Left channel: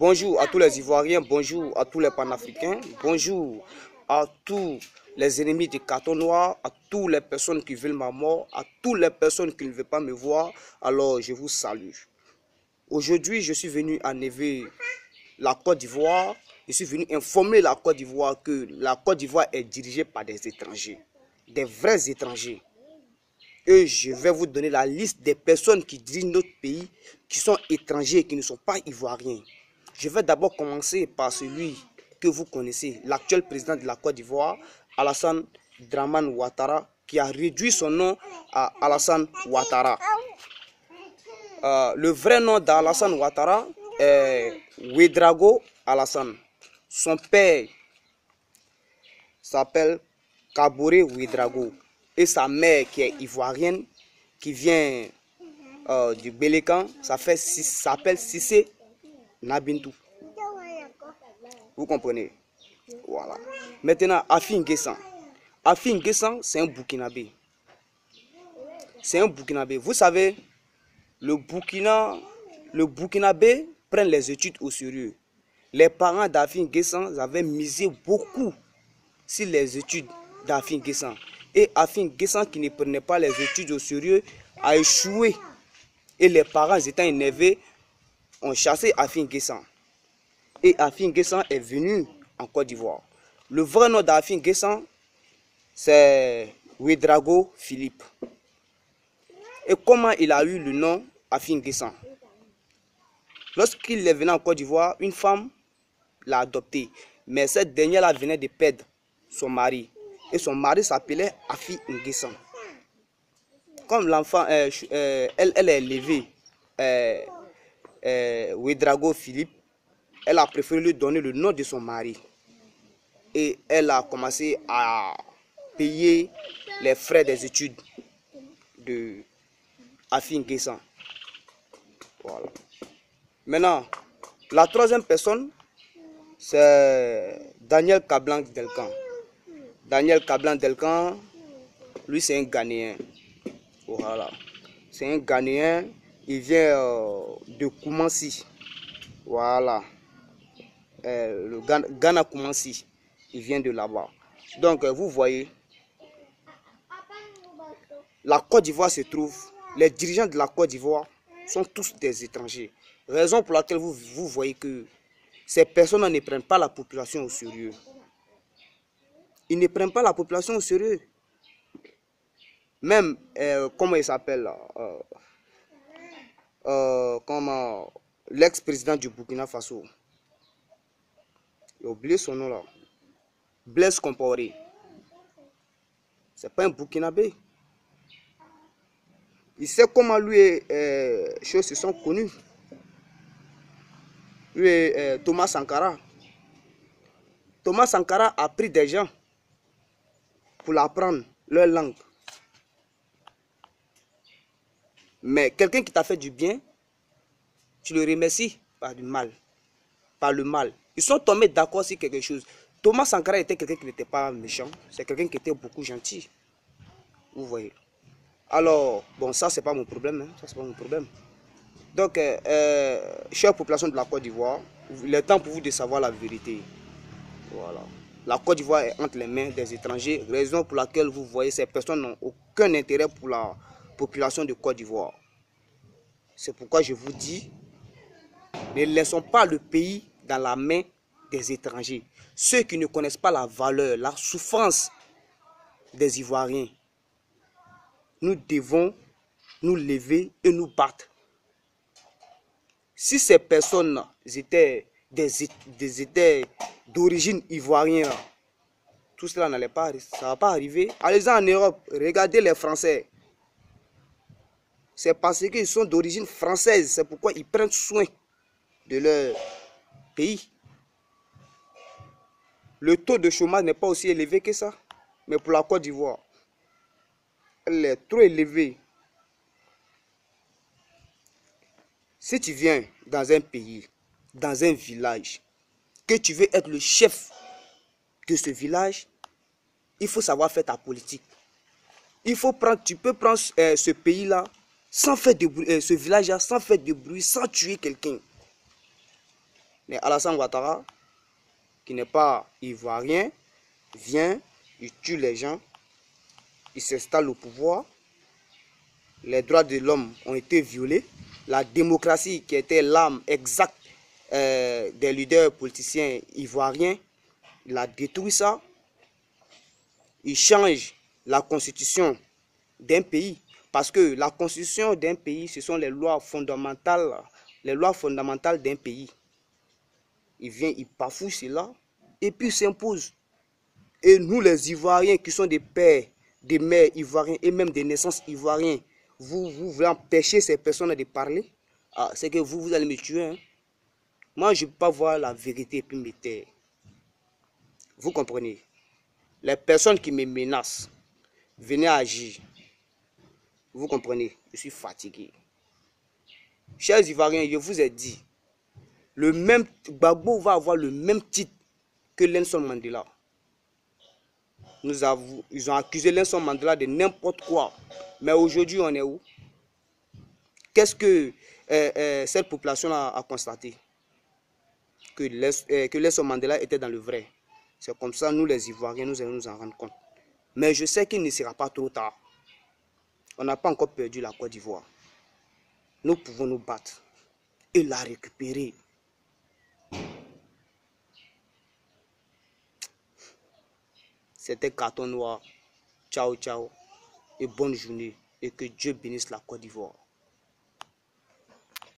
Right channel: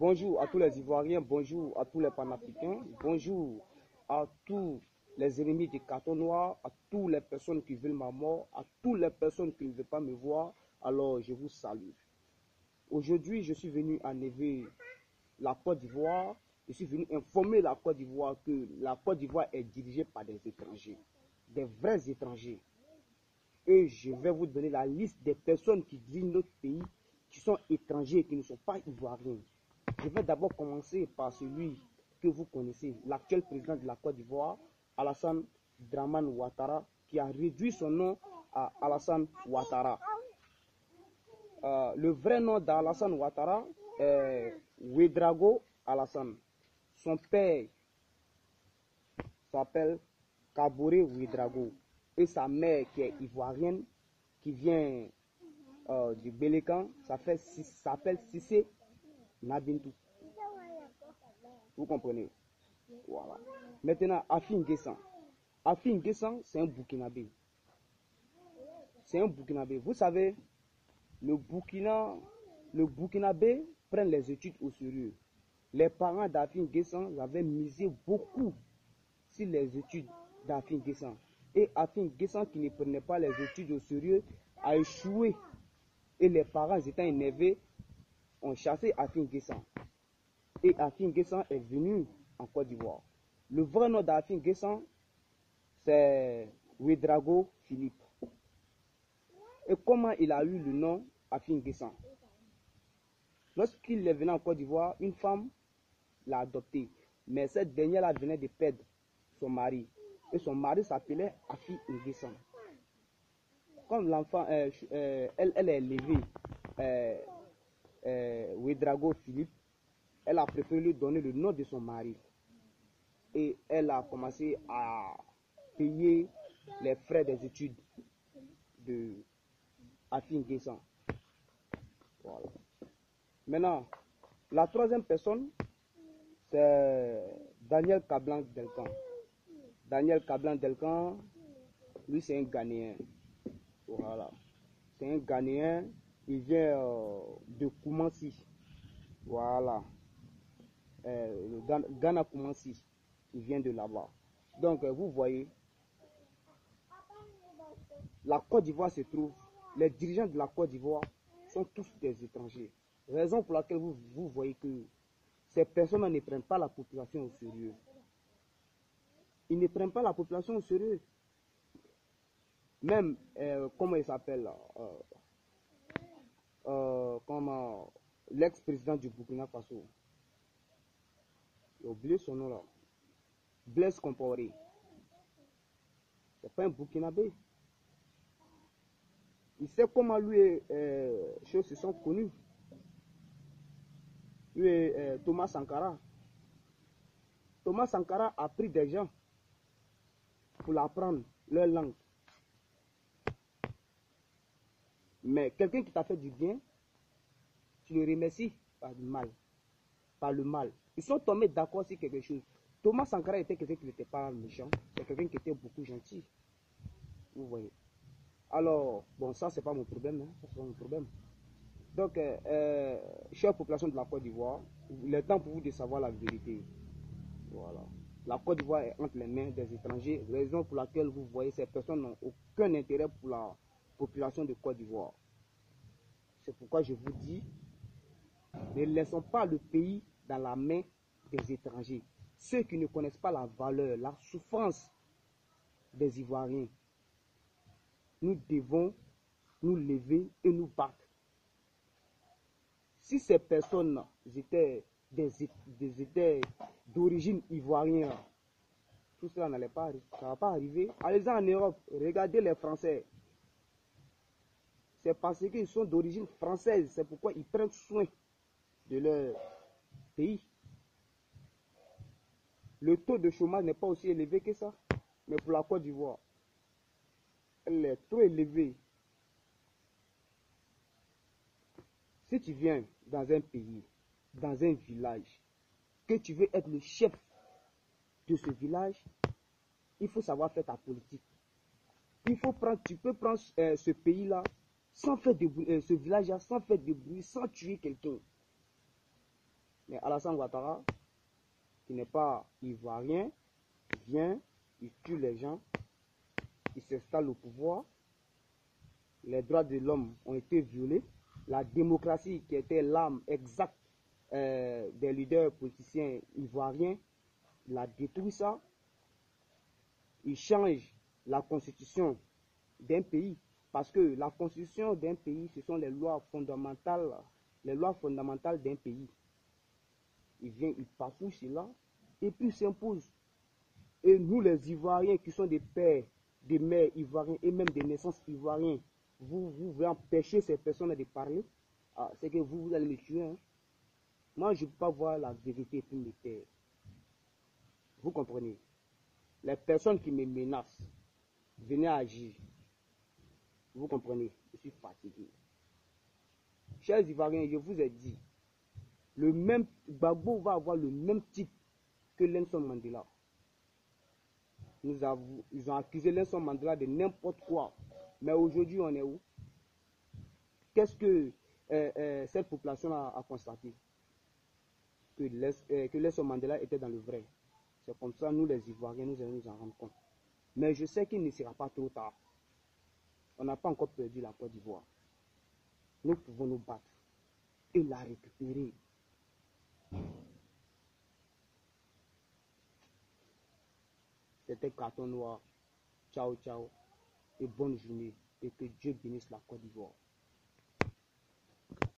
Bonjour à tous les Ivoiriens, bonjour à tous les panafricains, bonjour à tous les ennemis du carton noir, à toutes les personnes qui veulent ma mort, à toutes les personnes qui ne veulent pas me voir. Alors je vous salue. Aujourd'hui, je suis venu enlever la Côte d'Ivoire. Je suis venu informer la Côte d'Ivoire que la Côte d'Ivoire est dirigée par des étrangers, des vrais étrangers. Et je vais vous donner la liste des personnes qui dirigent notre pays, qui sont étrangers, qui ne sont pas ivoiriens. Je vais d'abord commencer par celui que vous connaissez, l'actuel président de la Côte d'Ivoire, Alassane Dramane Ouattara, qui a réduit son nom à Alassane Ouattara. Le vrai nom d'Alassane Ouattara est Ouédraogo Alassane. Son père s'appelle Kaboré Ouédraogo. Et sa mère qui est ivoirienne, qui vient du Bélécan, s'appelle Cissé Nabintou. Vous comprenez? Voilà. Maintenant, Afi N'Guessan. Afi N'Guessan, c'est un Burkinabé. C'est un Burkinabé. Vous savez, le Burkinabé prend les études au sérieux. Les parents d'Afi N'Guessan avaient misé beaucoup sur les études d'Afi N'Guessan. Et Afi N'Guessan, qui ne prenait pas les études au sérieux, a échoué. Et les parents étant énervés, ont chassé Afi N'Guessan. Et Afi N'Guessan est venu en Côte d'Ivoire. Le vrai nom d'Afi N'Guessan, c'est Ouédraogo Philippe. Et comment il a eu le nom Afi N'Guessan? Lorsqu'il est venu en Côte d'Ivoire, une femme l'a adopté. Mais cette dernière venait de perdre son mari. Et son mari s'appelait Afi N'Guessan. Comme l'enfant, elle est élevée, Ouédraogo Philippe, elle a préféré lui donner le nom de son mari. Et elle a commencé à payer les frais des études de Afi N'Guessan. Voilà. Maintenant, la troisième personne, c'est Daniel Kablan-Delcan. Daniel Kablan-Delcan, lui c'est un Ghanéen. Voilà. C'est un Ghanéen, il vient de Koumassi. Voilà. Le Ghana Koumassi, il vient de là-bas. Donc vous voyez, la Côte d'Ivoire se trouve, les dirigeants de la Côte d'Ivoire sont tous des étrangers. Raison pour laquelle vous voyez que ces personnes ne prennent pas la population au sérieux. Ils ne prennent pas la population au sérieux. Même, comment il s'appelle, l'ex-président du Burkina Faso. J'ai oublié son nom là. Blaise Compaoré. C'est pas un Burkinabé. Il sait comment lui et choses se sont connus. Lui et Thomas Sankara. Thomas Sankara a pris des gens pour apprendre leur langue. Mais quelqu'un qui t'a fait du bien, tu le remercies par du mal. Par le mal. Ils sont tombés d'accord sur quelque chose. Thomas Sankara était quelqu'un qui n'était pas méchant. C'est quelqu'un qui était beaucoup gentil. Vous voyez. Alors, bon, ça, c'est pas mon problème. Hein. Ça, c'est pas mon problème. Donc, chère population de la Côte d'Ivoire, il est temps pour vous de savoir la vérité. Voilà. La Côte d'Ivoire est entre les mains des étrangers, raison pour laquelle vous voyez ces personnes n'ont aucun intérêt pour la population de Côte d'Ivoire. C'est pourquoi je vous dis, ne laissons pas le pays dans la main des étrangers. Ceux qui ne connaissent pas la valeur, la souffrance des Ivoiriens. Nous devons nous lever et nous battre. Si ces personnes étaient d'origine ivoirienne, tout cela n'allait pas, ça va pas arriver. Allez-y en Europe, regardez les Français. C'est parce qu'ils sont d'origine française, c'est pourquoi ils prennent soin de leur pays. Le taux de chômage n'est pas aussi élevé que ça. Mais pour la Côte d'Ivoire, elle est trop élevée. Si tu viens dans un pays, dans un village, que tu veux être le chef de ce village, il faut savoir faire ta politique. Il faut prendre, tu peux prendre ce pays-là sans faire de bruit, ce village-là sans faire de bruit, sans tuer quelqu'un. Mais Alassane Ouattara, qui n'est pas ivoirien, vient, il tue les gens, il s'installe au pouvoir, les droits de l'homme ont été violés, la démocratie qui était l'âme exacte des leaders politiciens ivoiriens, il a détruit ça, il change la constitution d'un pays, parce que la constitution d'un pays, ce sont les lois fondamentales d'un pays. Il vient, il bafoue cela, et puis il s'impose. Et nous, les Ivoiriens, qui sont des pères, des mères ivoiriens, et même des naissances ivoiriens, vous voulez empêcher ces personnes de parler, ah, c'est que vous allez me tuer. Hein. Moi, je ne peux pas voir la vérité et puis me taire. Vous comprenez? Les personnes qui me menacent, venez agir. Vous comprenez? Je suis fatigué. Chers Ivoiriens, je vous ai dit, le même Gbagbo va avoir le même titre que Nelson Mandela. Ils ont accusé Nelson Mandela de n'importe quoi. Mais aujourd'hui, on est où? Qu'est-ce que cette population a constaté? Que Nelson Mandela était dans le vrai. C'est comme ça, nous les Ivoiriens, nous allons nous en rendre compte. Mais je sais qu'il ne sera pas trop tard. On n'a pas encore perdu la Côte d'Ivoire. Nous pouvons nous battre et la récupérer. C'était Carton Noir. Ciao, ciao. Et bonne journée. Et que Dieu bénisse la Côte d'Ivoire.